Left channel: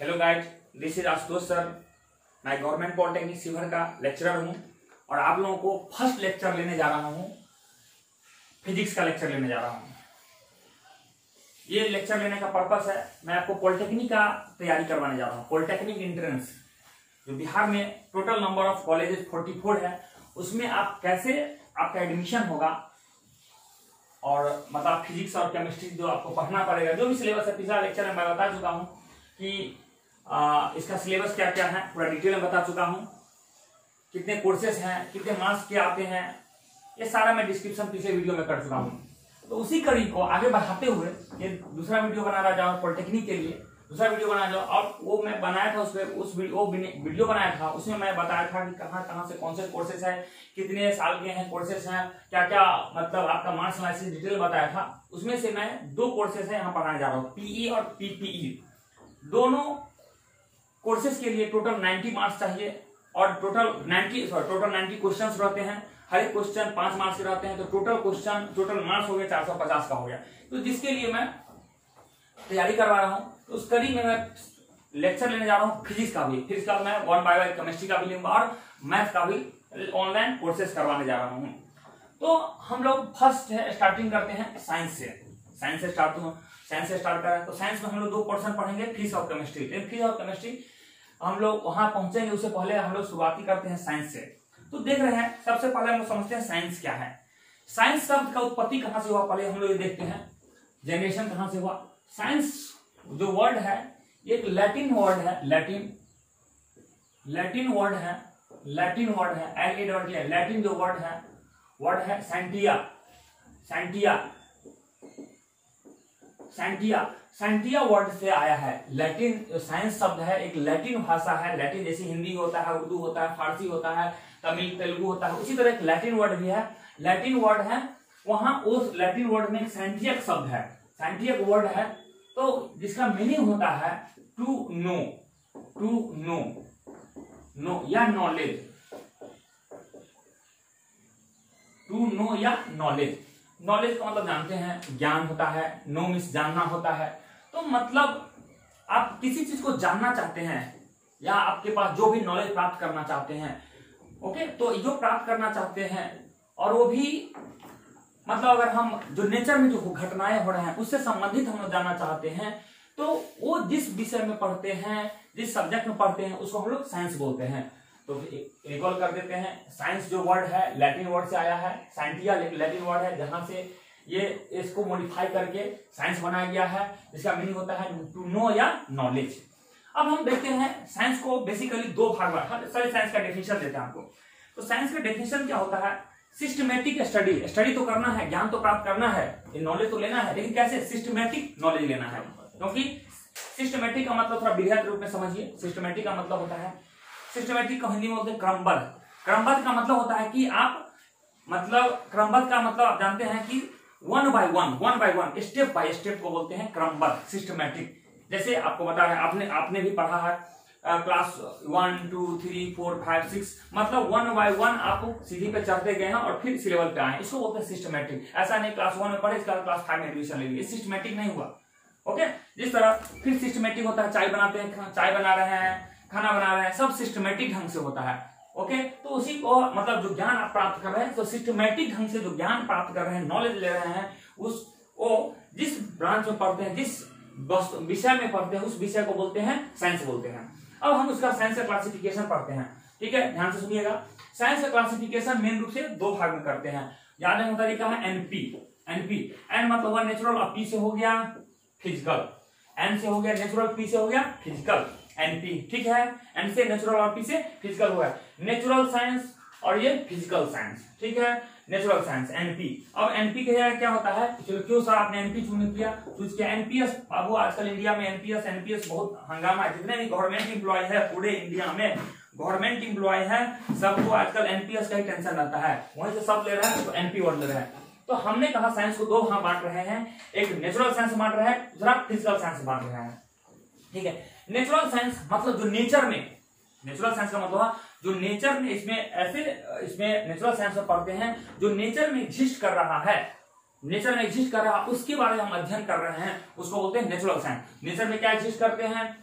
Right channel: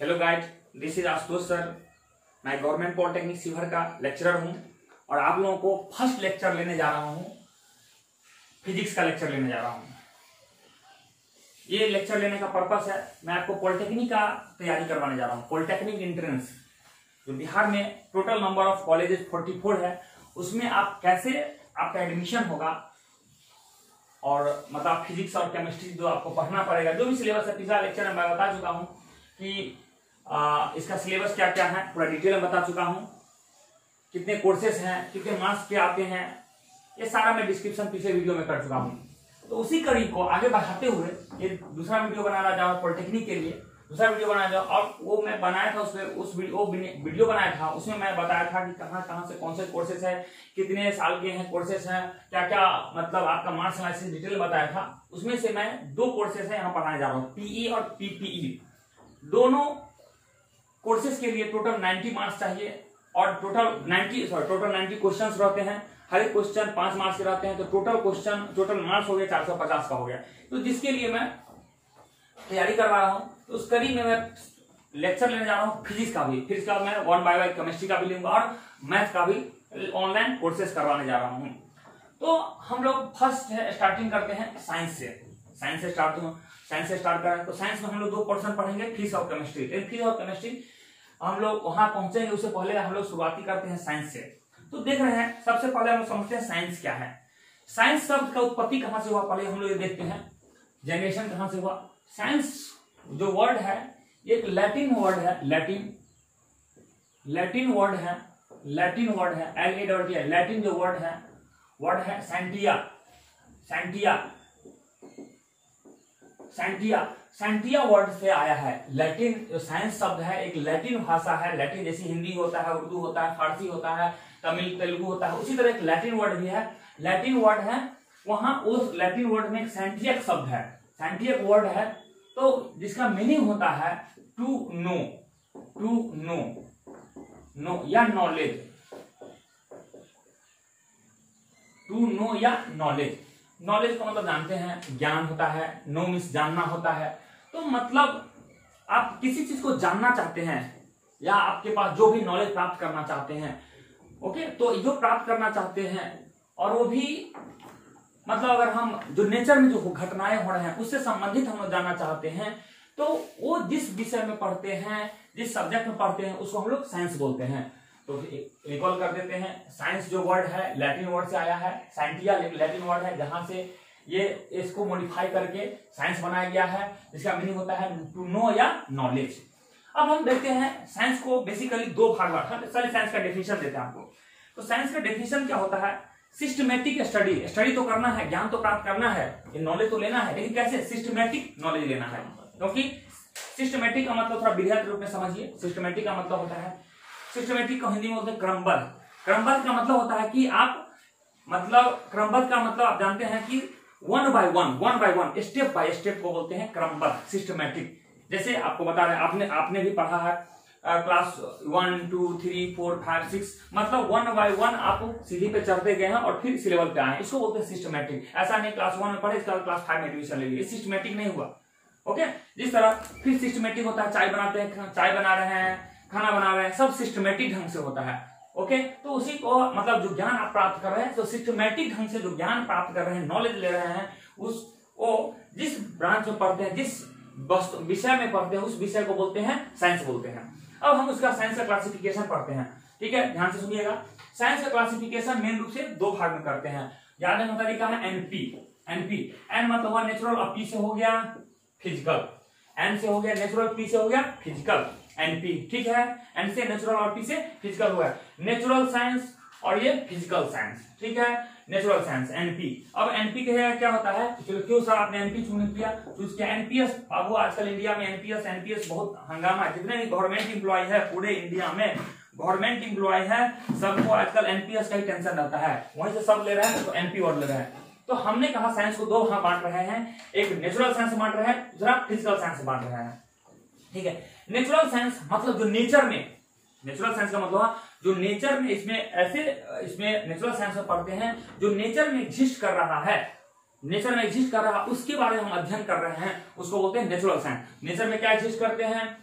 Hello guys, this is Ashutosh sir. मैं government polytechnic Sheohar का lecturer हूं और आप लोगों को फर्स्ट लेक्चर लेने जा रहा हूं, फिजिक्स का लेक्चर लेने जा रहा हूं। ये लेक्चर लेने का पर्पस है, मैं आपको पॉलिटेक्निक का तैयारी करवाने जा रहा हूं। पॉलिटेक्निक एंट्रेंस जो बिहार में टोटल नंबर ऑफ कॉलेजेस 44 है, उसमें आप कैसे आपका एडमिशन होगा और मतलब फिजिक्स और केमिस्ट्री जो आपको पढ़ना पड़ेगा, जो भी सिलेबस है। पिछला लेक्चर में मैं बता चुका हूं कि इसका सिलेबस क्या क्या है, पूरा डिटेल में बता चुका हूं। कितने कोर्सेस हैं, कितने मार्क्स के आते हैं, ये सारा मैं डिस्क्रिप्शन पिछले वीडियो में कर चुका हूं। तो उसी कड़ी को आगे बढ़ाते हुए ये दूसरा वीडियो बनाना चाहूँ पॉलिटेक्निक के लिए, दूसरा वीडियो बनाना चाहूँ। और वो मैं बनाया था, उस वीडियो बनाया था, उसमें मैं बताया था कि कहाँ से कौन से कोर्सेस है, कितने साल के हैं कोर्सेस हैं, क्या क्या मतलब आपका मार्क्स एनालिसिस डिटेल बताया था। उसमें से मैं 2 कोर्सेस है यहाँ पढ़ाने जा रहा हूँ, पीई और पीपीई। दोनों कोर्सेज के लिए टोटल 90 मार्क्स चाहिए और टोटल 90 क्वेश्चंस रहते हैं। हर एक क्वेश्चन 5 मार्क्स के रहते हैं, तो टोटल मार्क्स हो गया 450 का हो गया। तो जिसके लिए मैं तैयारी करवा रहा हूँ, तो उस कड़ी में मैं लेक्चर लेने जा रहा हूँ फिजिक्स का भी। फिजिक्स का मैं 1 बाय 1 केमिस्ट्री का भी लूंगा और मैथ का भी ऑनलाइन कोर्सेज करवाने जा रहा हूँ। तो हम लोग फर्स्ट स्टार्टिंग करते हैं साइंस से। साइंस से स्टार्ट करें तो साइंस में हम लोग 2 पोर्शन पढ़ेंगे, फिजिक्स और केमिस्ट्री। फिजिक्स और केमिस्ट्री हम लोग वहां पहुंचेंगे, उससे पहले हम लोग शुरुआती करते हैं साइंस से। तो देख रहे हैं, सबसे पहले हम समझते हैं साइंस क्या है। साइंस शब्द का उत्पत्ति कहां से हुआ, पहले हम लोग ये देखते हैं। जनरेशन कहां से हुआ। साइंस जो वर्ड है, एक लैटिन वर्ड है, लैटिन वर्ड है, लैटिन जो वर्ड है सैंटिया वर्ड से आया है। लैटिन जो साइंस शब्द है, एक लैटिन भाषा है। लैटिन जैसे हिंदी होता है, उर्दू होता है, फारसी होता है, तमिल तेलुगु होता है, उसी तरह एक लैटिन वर्ड भी है। लैटिन वर्ड है, वहां उस लैटिन वर्ड में एक सैंटियक शब्द है, सैंटियक वर्ड है, तो जिसका मीनिंग होता है टू नो या नॉलेज, टू नो या नॉलेज। नॉलेज का मतलब जानते हैं, ज्ञान होता है। नो मीन्स जानना होता है। तो मतलब आप किसी चीज को जानना चाहते हैं या आपके पास जो भी नॉलेज प्राप्त करना चाहते हैं, ओके, तो जो प्राप्त करना चाहते हैं और वो भी मतलब अगर हम जो नेचर में जो घटनाएं हो रहे हैं उससे संबंधित हम लोग जानना चाहते हैं, तो वो जिस विषय में पढ़ते हैं, जिस सब्जेक्ट में पढ़ते हैं, उसको हम लोग साइंस बोलते हैं। तो रिकॉल कर देते हैं, साइंस जो वर्ड है लैटिन वर्ड से आया है। साइंटिया लैटिन वर्ड है, जहां से ये इसको मॉडिफाई करके साइंस बनाया गया है, जिसका मीनिंग होता है टू नो या नॉलेज। अब हम देखते हैं साइंस को बेसिकली 2 भाग में। चलिए साइंस का डेफिनेशन देते हैं आपको। तो साइंस का डेफिनेशन क्या होता है, सिस्टमेटिक स्टडी तो करना है, ज्ञान तो प्राप्त करना है, नॉलेज तो लेना है, लेकिन कैसे सिस्टमेटिक नॉलेज लेना है। क्योंकि सिस्टमेटिक का मतलब थोड़ा विधिवत रूप में समझिए। सिस्टमेटिक का मतलब होता है, सिस्टमेटिक को हिंदी में बोलते हैं क्रमबद्ध। क्रमबद्ध का मतलब होता है कि आप क्रमबद्ध का मतलब आप जानते हैं कि 1 बाय 1 स्टेप बाय स्टेप को बोलते हैं क्रमबद्ध, सिस्टमेटिक। जैसे आपको बता रहे हैं, आपने भी पढ़ा है क्लास 1 2 3 4 5 6, मतलब 1 बाय 1 आप सीढ़ी पे चढ़ते गए हैं और फिर इस लेवल पे आए, इसको बोलते हैं सिस्टमेटिक। ऐसा नहीं क्लास 1 में पढ़े, इसका क्लास 5 में एडमिशन ले लिए, सिस्टमेटिक नहीं हुआ। ओके, जिस तरह फिर सिस्टमेटिक होता है, चाय बनाते हैं, चाय बना रहे हैं, खाना बना रहे हैं, सब सिस्टमेटिक ढंग से होता है। ओके, तो उसी को मतलब जो ज्ञान आप प्राप्त कर रहे हैं, तो सिस्टमेटिक ढंग से जो ज्ञान प्राप्त कर रहे हैं, नॉलेज ले रहे हैं, उसको जिस ब्रांच में पढ़ते हैं, जिस विषय में पढ़ते हैं, उस विषय को बोलते हैं साइंस बोलते हैं। अब हम उसका साइंस का क्लासिफिकेशन पढ़ते हैं। ठीक है, ध्यान से सुनिएगा। साइंस का क्लासिफिकेशन मेन रूप से 2 भाग में करते हैं। याद रखने का तरीका है एन मतलब हुआ नेचुरल, और पी से हो गया फिजिकल, एन से हो गया नेचुरल, पी से हो गया फिजिकल, एनपी। ठीक है, एन से नेचुरल और पी से फिजिकल हुआ, नेचुरल साइंस और ये फिजिकल साइंस। ठीक है, नेचुरल साइंस एनपी। अब एनपी क्या होता है, क्यों सर आपने एनपी चूज किया एनपीएस। अब वो आजकल इंडिया में एनपीएस बहुत हंगामा है। जितने भी गवर्नमेंट एम्प्लॉय है पूरे इंडिया में, गवर्नमेंट एम्प्लॉय है, सबको आजकल एनपीएस का ही टेंशन रहता है, वहीं से सब ले रहे हैं, तो एनपी वर्ड ले रहे हैं। तो हमने कहा साइंस को 2 भाग बांट रहे हैं, एक नेचुरल साइंस बांट रहे हैं, दूसरा फिजिकल साइंस बांट रहे हैं। ठीक है, नेचुरल साइंस मतलब जो नेचर में, नेचुरल साइंस का मतलब जो नेचर में, इसमें नेचुरल साइंस में पढ़ते हैं जो नेचर में एग्जिस्ट कर रहा है, उसके बारे में हम अध्ययन कर रहे हैं, उसको बोलते हैं नेचुरल साइंस। नेचर में क्या एग्जिस्ट करते हैं,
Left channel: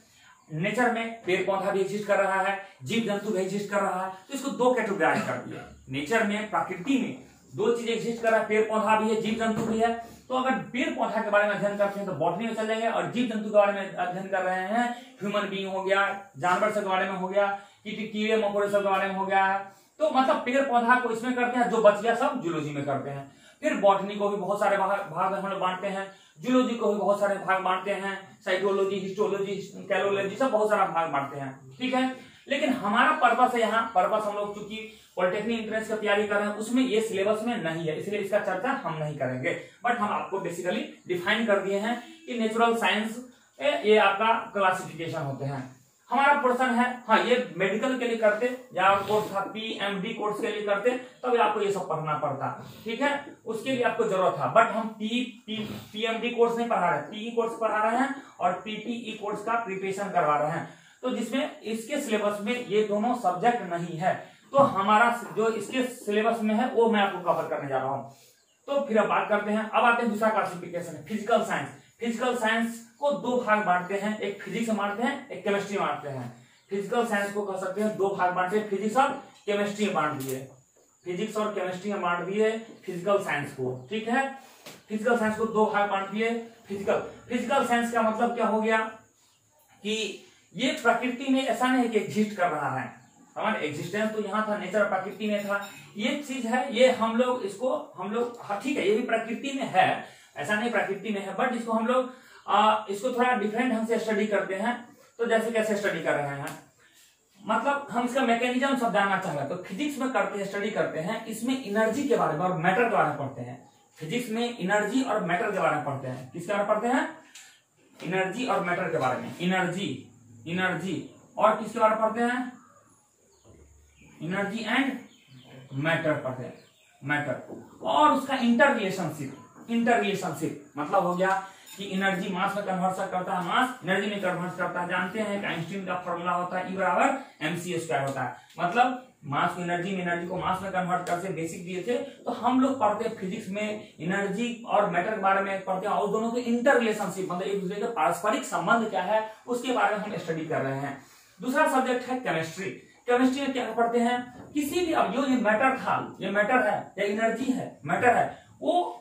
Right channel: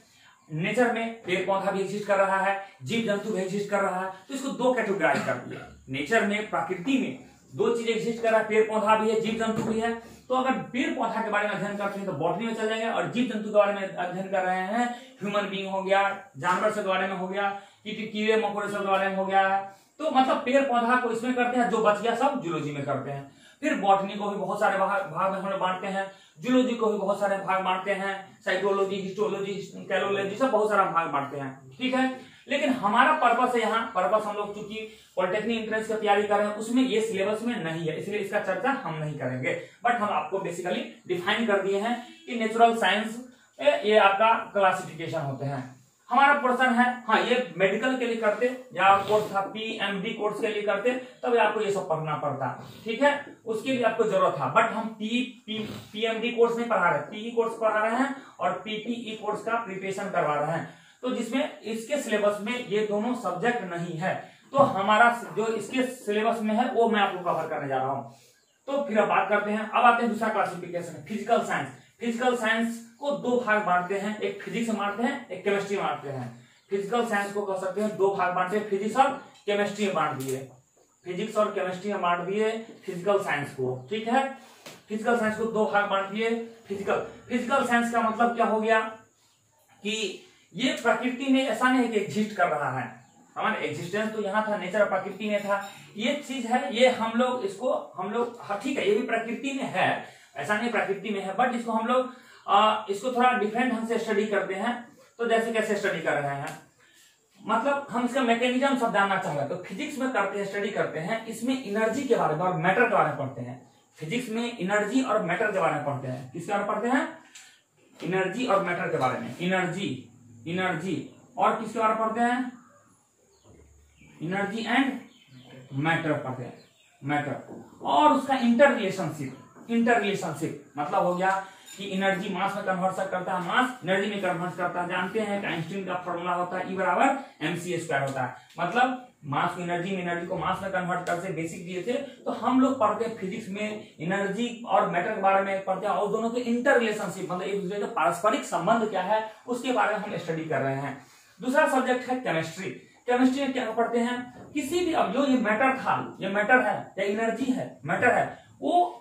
नेचर में पेड़ पौधा भी एग्जिस्ट कर रहा है, जीव जंतु भी एग्जिस्ट कर रहा है, तो इसको दो कैटेगराइज कर दिया। नेचर में, प्रकृति में दो चीजें एग्जिस्ट कर रहा है, पेड़ पौधा भी है, जीव जंतु भी है। तो अगर पेड़ पौधा के बारे में अध्ययन करते हैं तो बॉटनी में चल जाएंगे, और जीव जंतु के बारे में अध्ययन कर रहे हैं, ह्यूमन बीइंग हो गया, जानवर सब के बारे में हो गया, कीड़े मकोड़े सब के बारे में हो गया है। तो मतलब पेड़ पौधा को इसमें करते हैं, जो बच गया सब जूलॉजी में करते हैं। फिर बॉटनी को भी बहुत सारे भाग में हम लोग बांटते हैं, जूलॉजी को भी बहुत सारे भाग बांटते हैं, साइकोलॉजी, हिस्टोलॉजी, कैलोलॉजी, सब बहुत सारा भाग बांटते हैं, ठीक है। लेकिन हमारा पर्पस है यहाँ, पर्पस हम लोग चूंकि पॉलिटेक्निक एंट्रेंस की तैयारी कर रहे हैं, उसमें ये सिलेबस में नहीं है, इसलिए इसका चर्चा हम नहीं करेंगे। बट हम आपको बेसिकली डिफाइन कर दिए हैं कि नेचुरल साइंस ये आपका क्लासिफिकेशन होते हैं। हमारा पोर्शन है, हाँ ये मेडिकल के लिए करते या कोर्स था PMD कोर्स के लिए करते, तब आपको ये सब पढ़ना पड़ता, ठीक है, उसके लिए आपको जरूरत था। बट हम PMD कोर्स नहीं पढ़ा रहे, PE कोर्स पढ़ा रहे हैं और PPE कोर्स का प्रिपरेशन करवा रहे हैं। तो जिसमें इसके सिलेबस में ये दोनों सब्जेक्ट नहीं है, तो हमारा जो इसके सिलेबस में है वो मैं आपको कवर करने जा रहा हूँ। तो फिर अब बात करते हैं, अब आते हैं दूसरा classification, physical science. Physical science को दो भाग बांटते हैं, एक फिजिक्स बांटते हैं, एक केमिस्ट्री बांटते हैं। फिजिकल साइंस को कह सकते हैं दो भाग बांटते हैं, फिजिक्स और केमिस्ट्री बांट दिए, फिजिक्स और केमिस्ट्री बांट दिए फिजिकल साइंस को, ठीक है। फिजिकल साइंस को दो भाग बांट दिए। फिजिकल साइंस का मतलब क्या हो गया कि ये प्रकृति में ऐसा नहीं कि एग्जिस्ट कर रहा है, हमारा एग्जिस्टेंस तो यहाँ था, नेचर प्रकृति में था, ये चीज है, ये हम लोग इसको हाँ ठीक है, ये भी प्रकृति में है, ऐसा नहीं प्रकृति में है, बट इसको हम लोग इसको थोड़ा डिफरेंट ढंग से स्टडी करते हैं। तो जैसे कैसे स्टडी कर रहे हैं, मतलब हम इसका मैकेनिज्म सब जानना चाहेंगे, तो फिजिक्स में करते हैं, स्टडी करते हैं, इसमें एनर्जी के बारे में और मैटर के बारे में पढ़ते हैं। फिजिक्स में एनर्जी और मैटर के बारे में पढ़ते हैं। किसके बारे में पढ़ते हैं? एनर्जी और मैटर के बारे में। एनर्जी और किसके बारे में पढ़ते हैं? एनर्जी एंड मैटर पढ़ते हैं, मैटर और उसका इंटर रिलेशनशिप मतलब हो गया कि एनर्जी मास में कन्वर्ट करता है, मास एनर्जी में कन्वर्ट करता है। जानते हैं कि आइंस्टीन का फॉर्मूला होता है E=mc² होता है, मतलब मास को एनर्जी में, एनर्जी को मास में कन्वर्ट करते, बेसिक दिए थे। तो हम लोग पढ़ते हैं फिजिक्स में एनर्जी और मैटर के बारे में पढ़ते हैं, और दोनों के इंटर रिलेशनशिप मतलब एक दूसरे का पारस्परिक संबंध क्या है उसके बारे में हम स्टडी कर रहे हैं। दूसरा सब्जेक्ट है केमिस्ट्री। केमिस्ट्री में क्या पढ़ते हैं? किसी भी, अब जो ये मैटर था, ये मैटर है या एनर्जी है, मैटर है, वो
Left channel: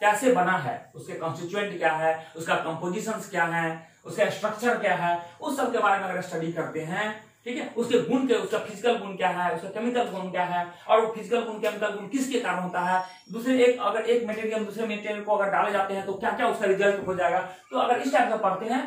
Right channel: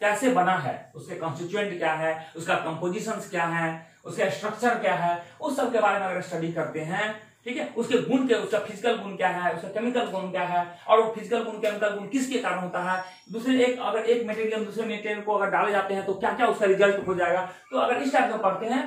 कैसे बना है, उसके कॉन्स्टिट्यूएंट क्या है, उसका कंपोजिशन क्या है, उसका स्ट्रक्चर क्या है, उस सब के बारे में अगर स्टडी करते हैं, ठीक है, उसके गुण के, उसका फिजिकल गुण क्या है, उसका केमिकल गुण क्या है, और वो फिजिकल गुण केमिकल गुण किसके कारण होता है, दूसरे अगर एक मटेरियल दूसरे मटेरियल को अगर डाले जाते हैं तो क्या क्या उसका रिजल्ट हो जाएगा। तो अगर इस टाइप का पढ़ते हैं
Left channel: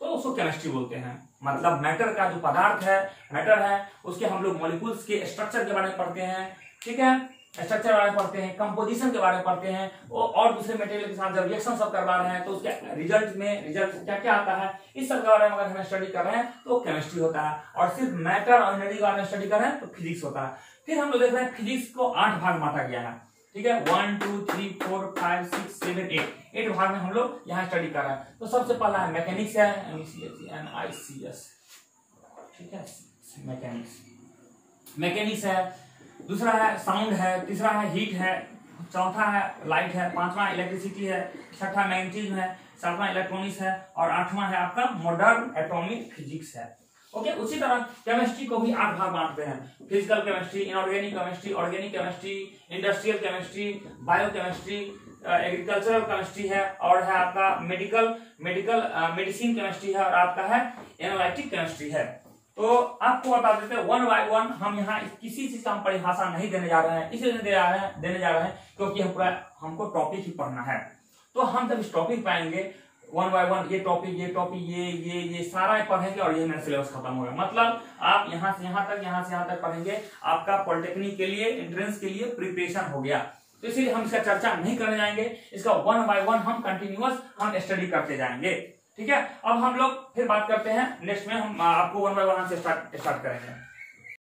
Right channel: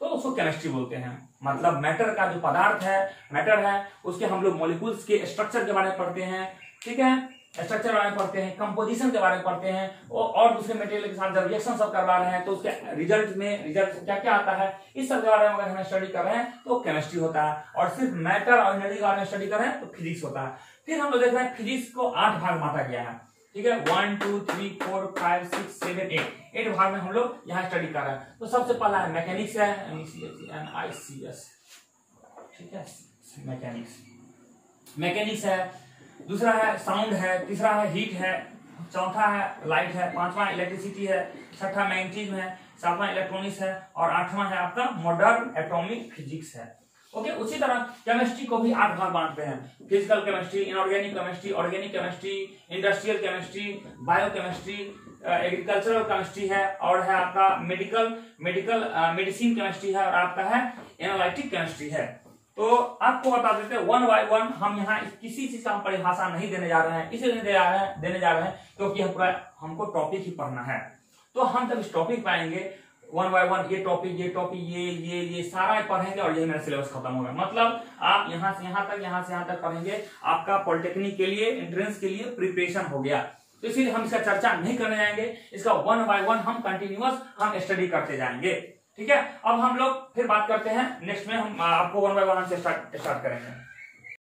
तो उसको केमिस्ट्री बोलते हैं। मतलब मैटर का जो पदार्थ है, मैटर है, उसके हम लोग मॉलिक्यूल्स के स्ट्रक्चर के बारे में पढ़ते हैं, ठीक है, स्ट्रक्चर के बारे में पढ़ते हैं, कंपोजिशन के बारे में पढ़ते हैं, और दूसरे मटेरियल के साथ जब रिएक्शन सब करवा रहे हैं तो उसके रिजल्ट क्या क्या आता है, इस सब के बारे में अगर हम स्टडी कर रहे हैं तो केमिस्ट्री होता है। और सिर्फ मैटर और एनर्जी के बारे में स्टडी कर रहे हैं तो फिजिक्स होता है। फिर हम लोग देख रहे हैं फिजिक्स को 8 भाग बांटा गया है, ठीक है, 1 2 3 4 5 6 7 8 भाग में हम लोग यहाँ स्टडी कर रहे हैं। तो सबसे पहला है मैकेनिक्स है, MICS, ठीक है, मैकेनिक्स है। दूसरा है साउंड है, तीसरा है हीट है, चौथा है लाइट है, पांचवा इलेक्ट्रिसिटी है, छठा मैग्नेटिज्म है, सातवां इलेक्ट्रॉनिक्स है, और आठवां है आपका मॉडर्न एटॉमिक फिजिक्स है। ओके, उसी तरह केमिस्ट्री को भी 8 भाग बांटते हैं। Physical chemistry, inorganic chemistry, organic chemistry, industrial chemistry, biochemistry, agricultural chemistry है, और है आपका मेडिसिन केमिस्ट्री है, और आपका है एनालिटिक केमिस्ट्री है। तो आपको बता देते हैं 1 by 1, हम यहाँ किसी चीज का हम परिभाषा नहीं देने जा रहे हैं, इसलिए देने जा रहे हैं क्योंकि हमको टॉपिक ही पढ़ना है। तो हम जब इस टॉपिक पाएंगे 1 by 1, ये टॉपिक ये सारा पढ़ेंगे और ये मेरा सिलेबस खत्म होगा। मतलब आप यहाँ से यहाँ तक पढ़ेंगे, आपका पॉलिटेक्निक के लिए, एंट्रेंस के लिए प्रिपरेशन हो गया। तो इसीलिए हम इसका चर्चा नहीं करने जाएंगे, इसका 1 by 1 हम कंटिन्यूअस हम स्टडी करते जाएंगे, ठीक है। अब हम लोग फिर बात करते हैं नेक्स्ट में, हम आपको 1 by 1 से स्टार्ट करेंगे।